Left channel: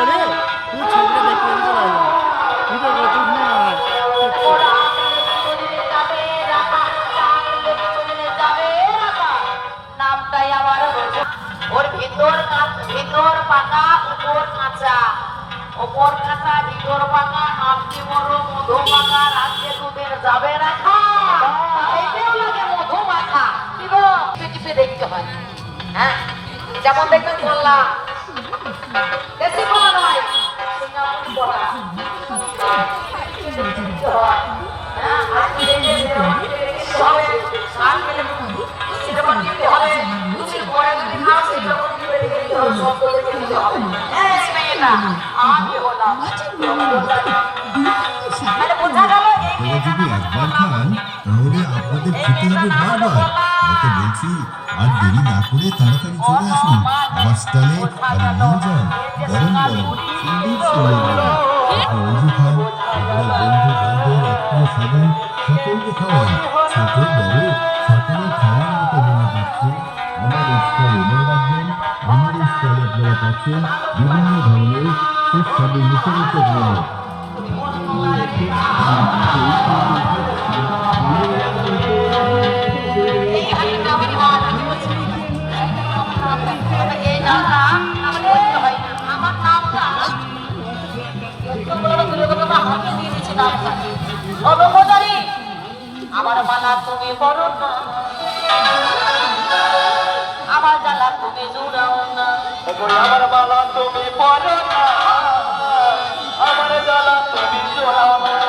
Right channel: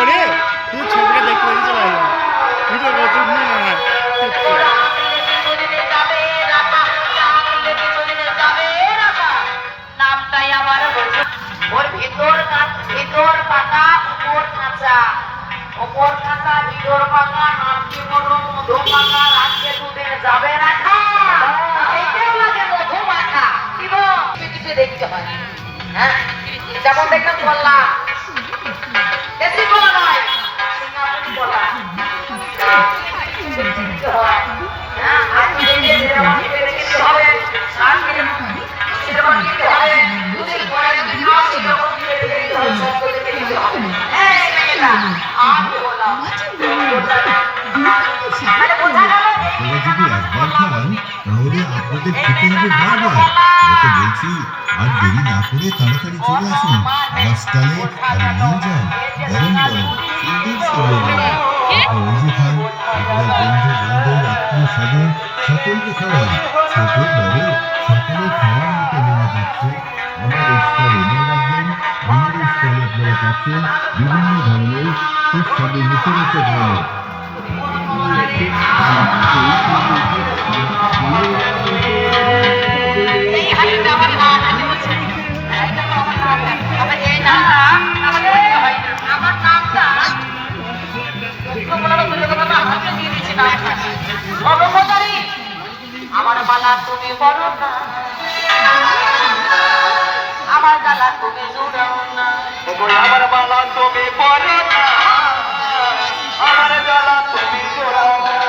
করে তুই ছবিটা দেখতে দেখতে চলে আসবে ভিডিও করতে না নামটাই আমার ওর ভিতর ভিতর পাকা উপর কাঁচা উপর কাঁচা ভিতর পাকা নামটি বড় মধু পাকা রাজ্যে দুধের যাবে রাখা এইটাও লাগে মধু মাখা কি গো টিভিতে দেখতে হয় হ্যাঁ যেমন দেখলাম বললাম বেশি বলা নয় সিঙ্গাপুরি বলা দেখতে হয় হ্যাঁ আজকে দেখতে হবে সার মিলে সিনেমা দেখতে হবে দুদিন পরে খাওয়া শিখে দেখতে হবে সব দেখতে হবে হ্যাঁ এটা আমি বললাম আপনারা যদি একবার খান তাহলে আপনাদের খেতে হবে বারবার। ওকে বলছি আর দেরি না করে তাড়াতাড়ি চলে আসুন আমার স্টলে আর নিয়ে যান গরম গরম সুন্দর সুন্দর অজু খান আপনার বন্ধু বান্ধব আত্মীয় স্বজন সকলকে খাওয়ান ছোট বড় সকলের খাওয়ার মতো মেনু পাচ্ছে আমার এই স্টলে মনে রাখবেন আমার এই স্টলে আপনারা পাচ্ছেন বিভিন্ন ধরনের সুস্বাদু মিশে মিশে খাবার আমার বালা তুমি বড় না আমার গালা তুমি জোড়াও না আমার বালা তুমি বড় না আমার গালা তুমি জোড়াও না